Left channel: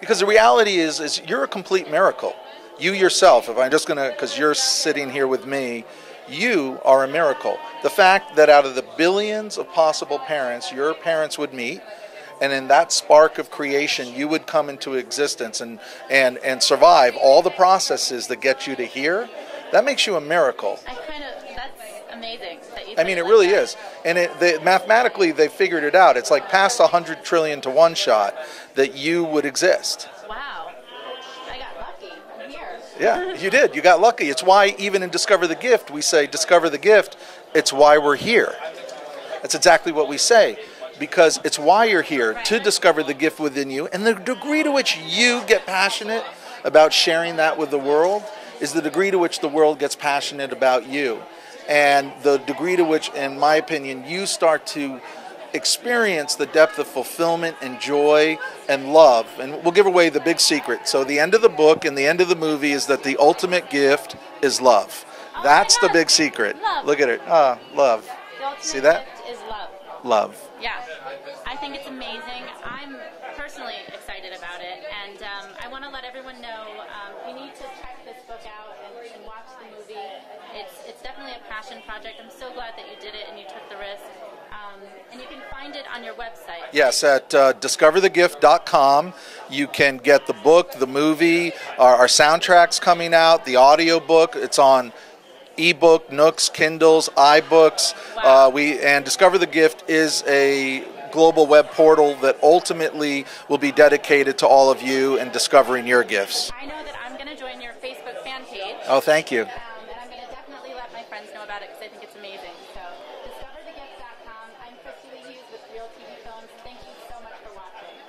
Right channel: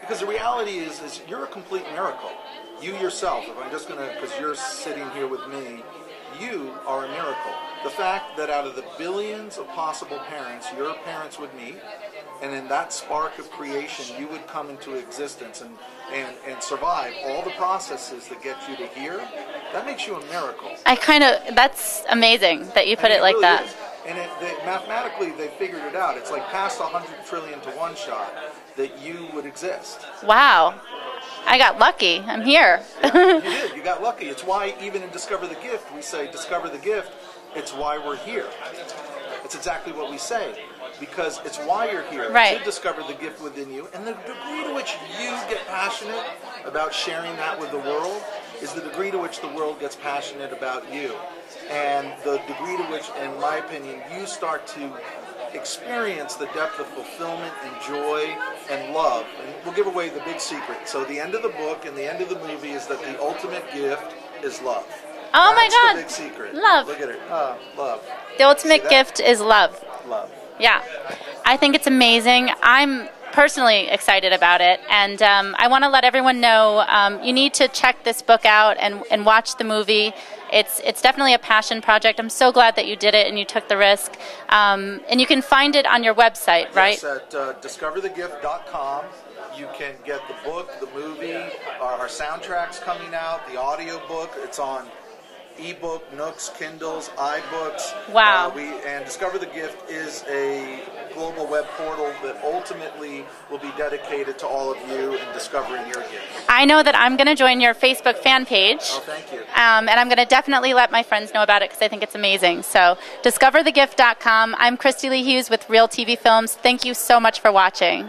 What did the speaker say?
Because the reality is you're a complete miracle. You yourself, if I'm just going to, because you're sitting here with me, you are a miracle. The fact that out of the billions of possible parents, your parents would meet, and in that spark of creation, you would come into existence and survive all the processes that get you to here, that makes you a miracle. That's amazing that you put it like really that. Is. And mathematically, they figured it out. It's like past 100 trillion to one shot that you would exist. Wow. I got lucky. I'm here. Yeah, you did. You got lucky. It's why even in Discover the Gift, we say, discover the gift. It's why we're here. That's exactly what we say. Because it's why you're here, right, to discover the gift within you. And the degree to which you get passionate about sharing that with the world is the degree to which the world gets passionate about you. And the degree to which, in my opinion, you start to experience the depth of fulfillment and joy and love. And we'll give away the big secret. So the end of the book and the end of the movie is that the ultimate gift is love. Oh That's my God. The big secret. Love. Look at it. Ah, love. The ultimate gift is love. Love. Yeah. I think it's amazing. I'm personally excited about it, and I want to let everyone know you need to check this book out and watch the movie. It's definitely a passion project. I'm so glad that you did it and you took the risk. And you can find it on your website, right? Yes, at discoverthegift.com. You can get the book, the movie, our soundtrack's coming out, the audio book. It's on ebook, Nooks, Kindles, iBooks. Wow. And Discover the Gift is a global web portal that ultimately will be dedicated to all of you in discovering your gifts. I know that I'm going to join your Facebook fan page. Oh, thank you. And I'm going to definitely let my friends know about it because I think it's amazing. So, discoverthegift.com. I'm Christy Lee Hughes with Real TV Films. Thank you so much for watching.